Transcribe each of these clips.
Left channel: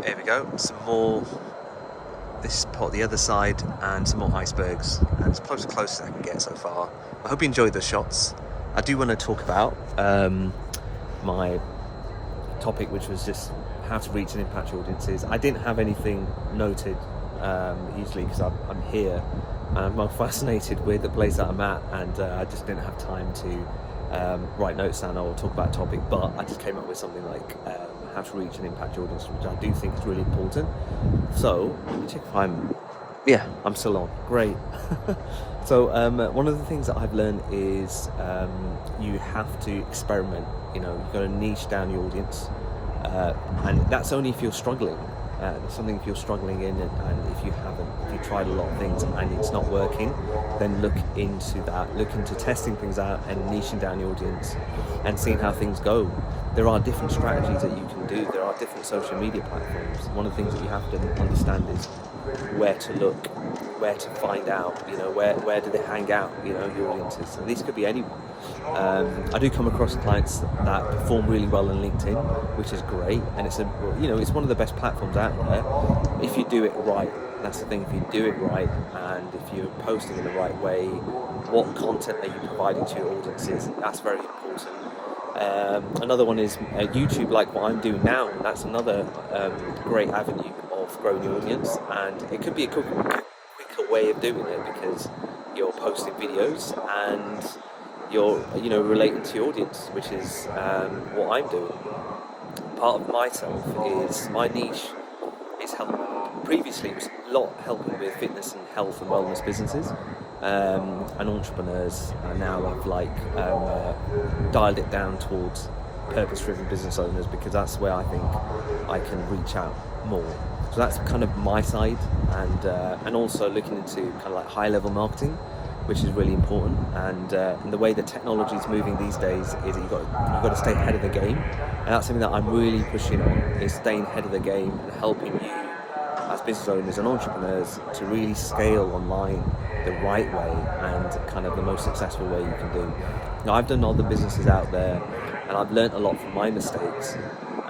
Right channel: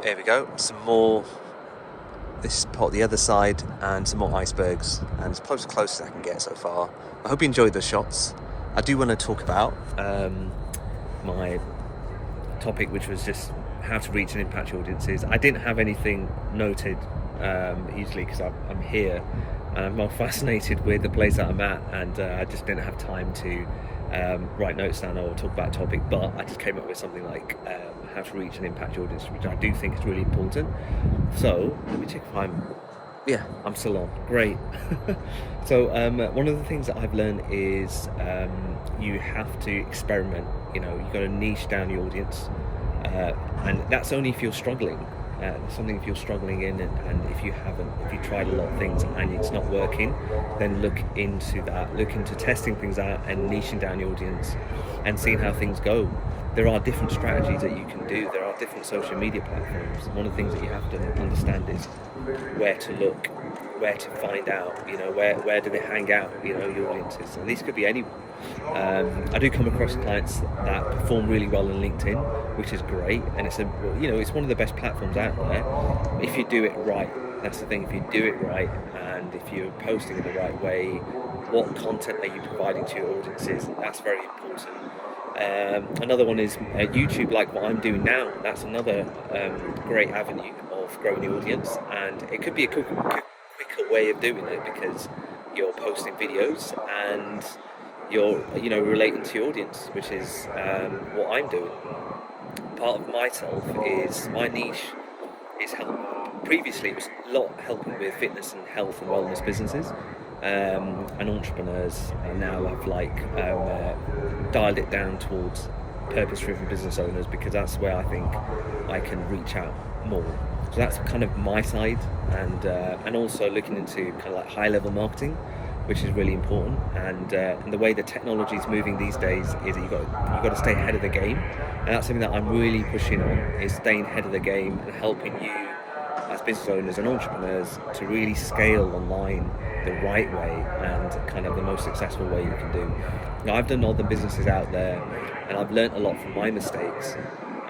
There we go, some more. This is pot the other side, and some more icebergs, and it's close as I can get so far. I hope you enjoyed the shots. I do want to talk about my topic, which was just how to reach and impact your audiences. I didn't have anything noted easily because I'm here and I'm more fascinated with the place that I'm at, and I just didn't have time to write notes down or talk about a topic, but I just came up with something like how to reach and impact your audience, which I do think is really important. So let me check if I'm still on. Great. So one of the things that I've learned is you have to experiment. You've got to niche down your audience, and that's only if you're struggling. Something if you're struggling in, and if you tried a lot of things and it's not working, then look into testing things out and niching down your audience and seeing how things go. There are different strategies that you can do. There are different social media platforms. One of the things that you have to understand is where to look, where to find out, where do they hang out, your audiences. And these could be anyone. I do come across clients that perform really well on LinkedIn, which is great, and it's one of the best platforms out there if you do it right. That's the thing. If you do it right, and if you're posting in the right way, what content are you providing to your audiences? That's very important. Another one is YouTube, like what I'm doing now. That's another great avenue of growing the audience, and it could be a quicker way of doing it because you're posting videos and you're relating to your audience, which is what I'm doing. Part of myself is my niche is helping. Previously, it was a lot helping with fitness and health and wellness businesses and entrepreneurs. And now I've dialed it down towards purpose-driven business owners because that's where I think I can reach out more. So that's kind of my side, and also looking into kind of like high-level marketing, which is really important. And the way the technology is moving these days is that you've got to stay ahead of the game, and that's something that I'm really pushing on, is staying ahead of the game and helping you as business owners and entrepreneurs to really scale online the right way and kind of the most successful way you can do. Now, I've done other businesses out there, and I've learned a lot from my mistakes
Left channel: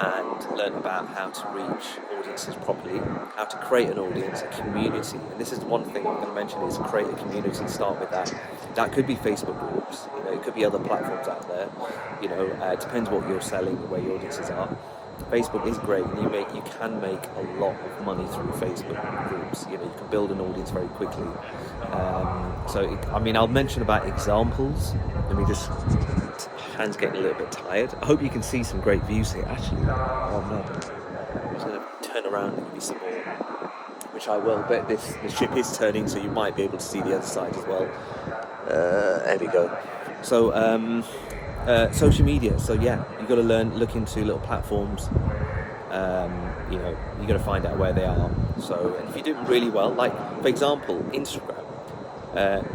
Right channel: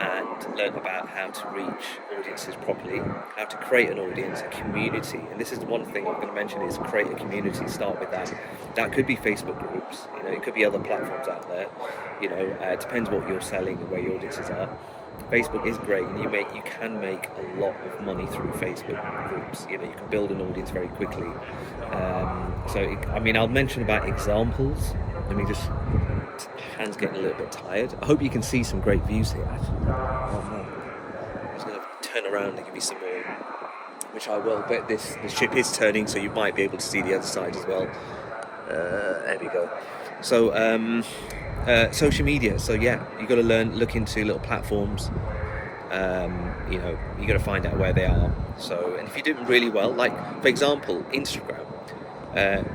and learned about how to reach audiences properly, how to create an audience, a community. And this is the one thing I'm going to mention, is create a community. Start with that. That could be Facebook groups, it could be other platforms out there. It depends what you're selling and where your audiences are. Facebook is great, and you can make a lot of money through Facebook groups. You can build an audience very quickly. I'll mention about examples. Let me just, hand's getting a little bit tired. I hope you can see some great views here. Actually, oh no, I'm just going to turn around and give you some more, which I will. But the ship is turning, so you might be able to see the other side as well. There we go. So. Social media. So yeah, you've got to look into little platforms. You got to find out where they are. So, and if you do really well, like for example, Instagram.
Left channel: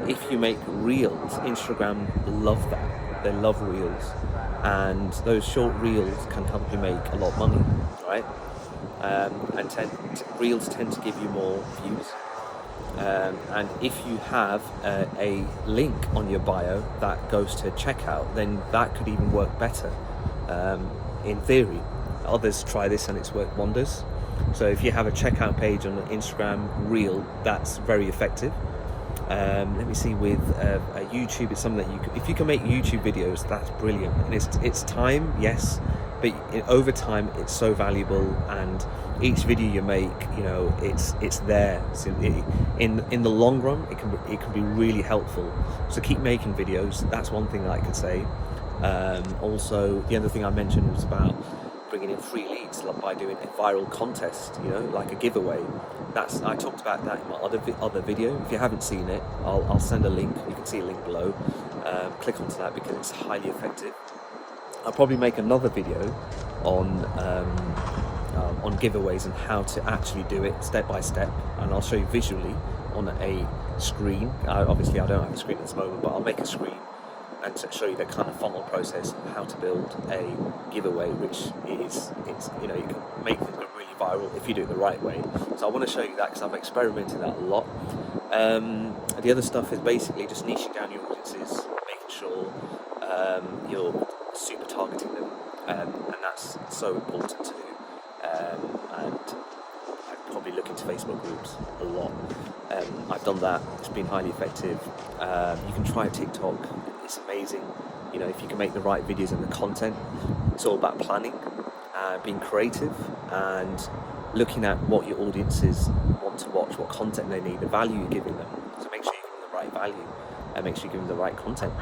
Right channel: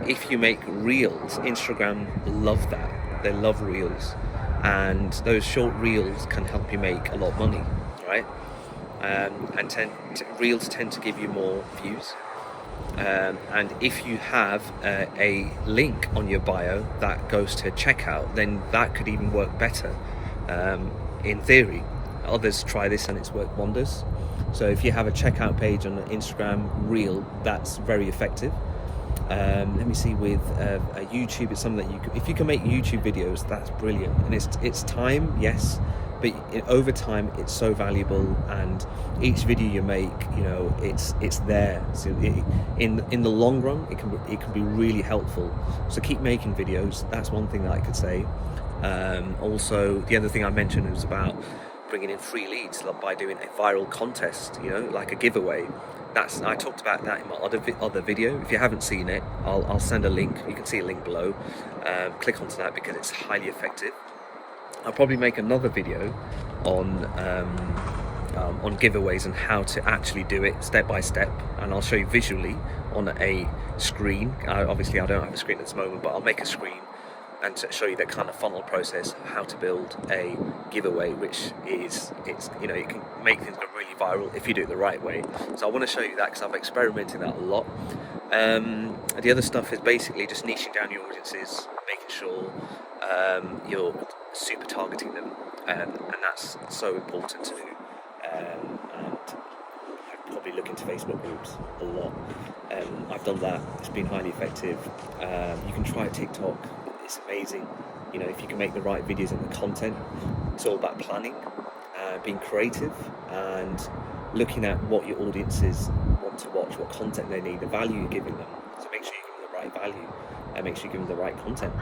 If you make reels, Instagram love that. They love reels, and those short reels can help you make a lot of money, right? Reels tend to give you more views. And if you have a link on your bio that goes to checkout, then that could even work better. In theory, others try this and it's worked wonders. So if you have a checkout page on the Instagram reel, that's very effective. Let me see, with YouTube, it's something that if you can make YouTube videos, that's brilliant. And it's time, yes, but over time it's so valuable, and each video you make, it's there. So in the long run, it can be really helpful. So keep making videos. That's one thing that I could say. Also, the other thing I mentioned was about bringing in free leads, like by doing a viral contest, like a giveaway. I talked about that in my other video. If you haven't seen it, I'll send a link. You can see a link below. Click onto that because it's highly effective. I'll probably make another video on giveaways and how to actually do it step by step, and I'll show you visually on a screen. Obviously, I don't have a screen at this moment, but I'll make a screen and to show you the kind of funnel process, how to build a giveaway, which is, you can make things go really viral if you do it the right way. So I want to show you that because I've experimented that a lot. The other stuff is basically just niching down your audiences, making sure you're super targeting them, and that's so important to do. And probably look into Facebook groups a lot. I've done that, it's been highly effective. You can try TikTok, it's amazing. You know, if you can make the right videos and the content, it's all about planning, being creative, and looking at what your audiences want to watch, what content they need, the value you're giving them. So make sure you're giving them the right value, and make sure you're giving them the right content.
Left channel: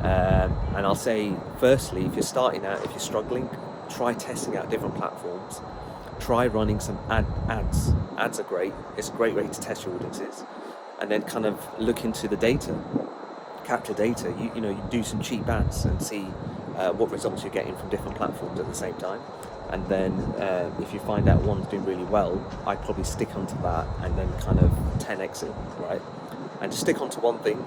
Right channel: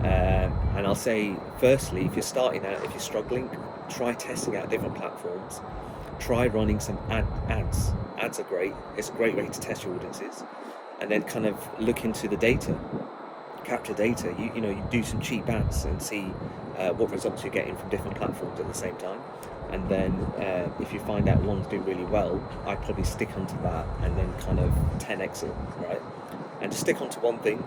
And I'll say, firstly, if you're starting out, if you're struggling, try testing out different platforms. Try running some ads. Ads are great. It's a great way to test your audiences, and then kind of look into the data, capture data. You do some cheap ads and see what results you're getting from different platforms at the same time. And then if you find out one's doing really well, I'd probably stick onto that and then kind of 10x it, right? And just stick onto one thing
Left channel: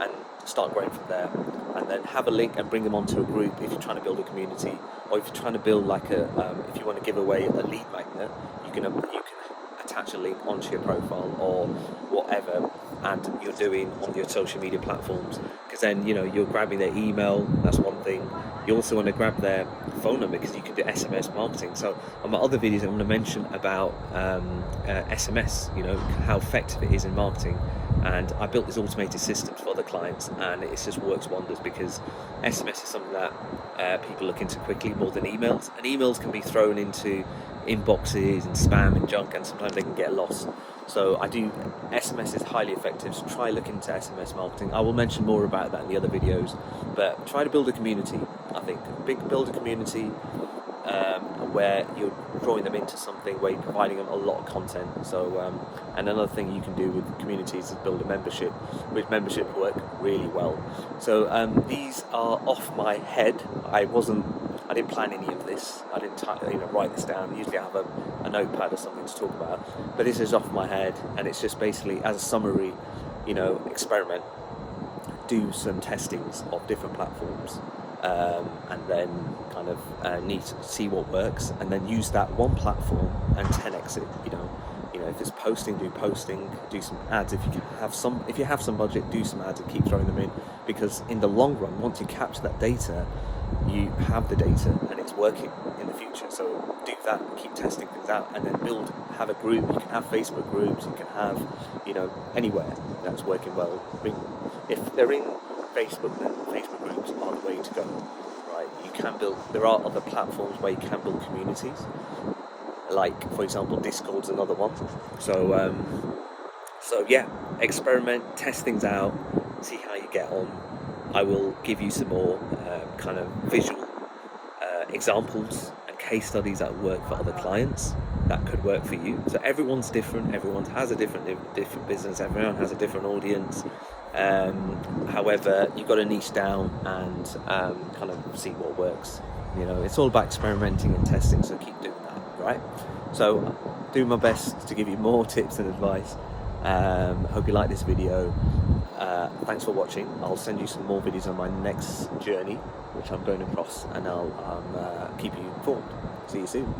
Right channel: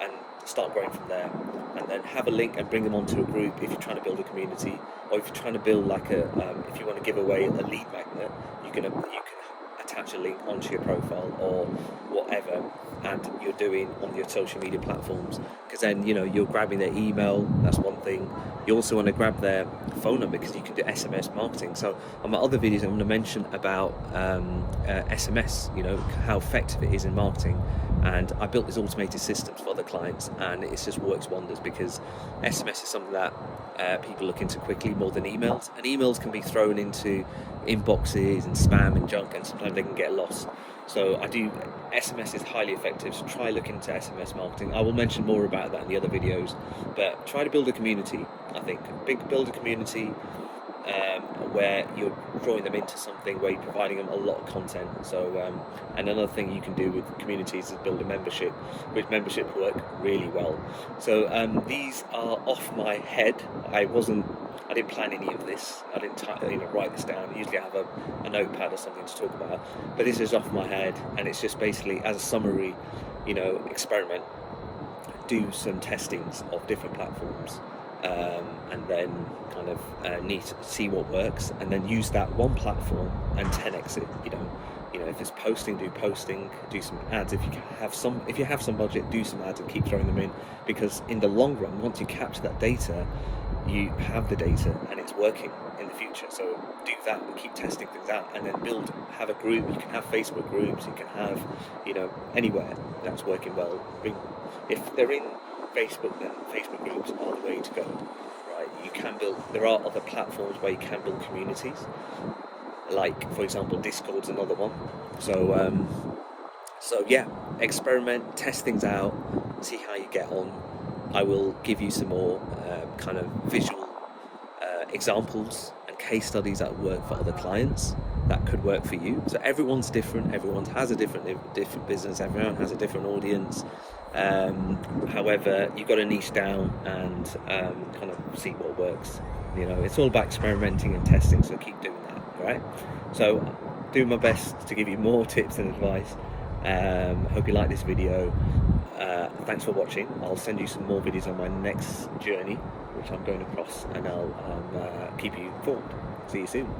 and start growing from there. And then have a link and bring them onto a group if you're trying to build a community, or if you're trying to build like if you want to give away a lead magnet, you can attach a link onto your profile or whatever, and you're doing on your social media platforms, because then you're grabbing their email. That's one thing. You also want to grab their phone number, because you can do SMS marketing. So on my other videos I'm going to mention about SMS, how effective it is in marketing. And I built this automated system for other clients, and it just works wonders, because SMS is something that people look into quickly more than emails. And emails can be thrown into inboxes and spam and junk, and sometimes they can get lost. So SMS is highly effective, so try looking into SMS marketing. I will mention more about that in the other videos, but try to build a community. I think build a community where you're drawing them into something, where you're providing them a lot of content. So and another thing you can do with communities is build a membership, which membership work really well. So these are off my head. I didn't plan any of this. I didn't write this down. Usually I have a notepad or something to talk about, but this is off my head, and it's just basically as a summary, experiment, do some testings of different platforms, and then kind of need to see what works, and then use that one platform and 10x it. If it's posting, do some ads. If you have some budget, do some ads and keep throwing them in, because in the long run, once you capture that data, you have the data and it's working in the future. So do that and keep testing things out, and then have a group. You can have Facebook groups, you can have anywhere that's working well. If they're in Facebook, then Facebook groups are the way to go, right? There are other platforms where you can build communities, like for example Discord's another one. So yeah, experiment, test things out, see how you get on. I will give you some more kind of visual examples and case studies that work for other clients that could work for you. So everyone's different. Everyone has a different business. Everyone has a different audience. However, you've got to niche down and kind of see what works. It's all about experimenting and testing. So keep doing that, right? So do my best to give you more tips and advice. Hope you like this video. Thanks for watching. I'll send you some more videos on my next journey, which I'm going across, and I'll keep you informed. See you soon.